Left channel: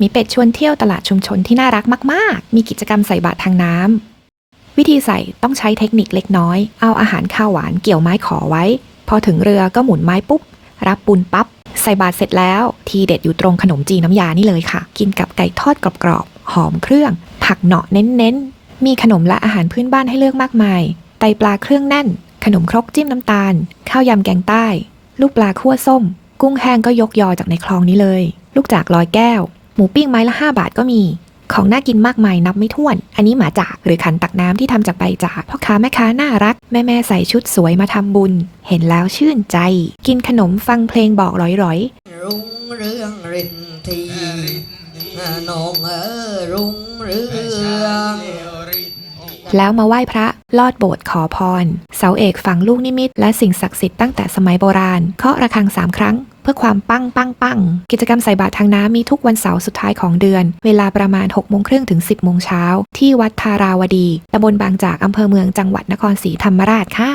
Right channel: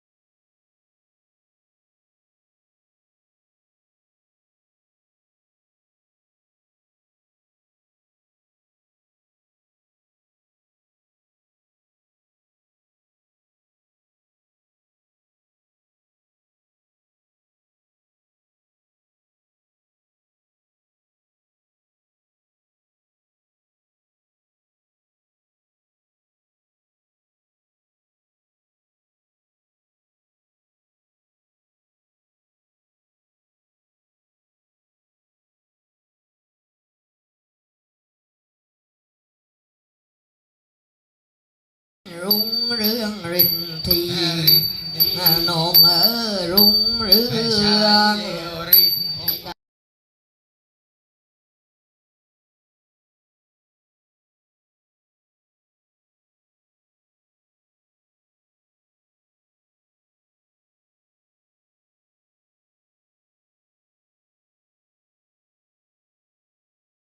มีเป็ดชวนเที่ยวตลาดชุมชนที่น่ารักมาก ๆ มีกิจกรรมใส่บาตรทางน้ำ วิธีใส่ต้องใช้เทคนิคเล็กน้อย เอาอาหารข้าวหวานเกี่ยวไม้ขอไว้ พอถึงเรือก็หมุนไม้ปุ๊บ รับปุนปั๊บ ใส่บาตรเสร็จแล้ว ทีเด็ดอยู่ตรงขนมจีนน้ำยานี่เลยค่ะ กินกับไก่ทอดกรอบๆ หอมเครื่อง ผักเนาะเน้นๆ มีขนมและอาหารพื้นบ้านให้เลือกมากมาย ไตปลาเครื่องแน่น ขนมครกจิ้มน้ำตาล ข้าวยำแกงใต้ ลูกปลาคั่วส้ม กุ้งแห้งก็ยกยอจากในคลองนี้เลย ลูกจากลอยแก้ว มูปิ้งไม้ละ 5 บาทก็มี ของน่ากินมากมายนับไม่ถ้วน อันนี้หมาจากหรือขันตักน้ำที่ทำจากใบจากพ่อค้าแม่ค้าน่ารัก แม่แม่ๆใส่ชุดสวยมาทำบุญ เห็นแล้วชื่นใจ กินขนมฟังเพลงบอกร้อยรุ่งเรืองรินทีนองเออรุ่งเรืองๆแล้วมาไหว้พระลอดโบสถ์ขอพร เสาเอกฝังลูกนิมิต และสิ่งศักดิ์สิทธิ์ตั้งแต่สมัยโบราณ เคาะระฆังสามครั้ง เพื่อความปังปังปังกิจกรรมใส่บาตรทางน้ำมีทุกวันเสาร์สุดท้ายของเดือน เวลาประมาณ6โมงครึ่งถึง 10โมงเช้าที่วัดทาราวดีตำบลบางจากอำเภอเมืองจังหวัดนครศรีธรรมราชค่ะ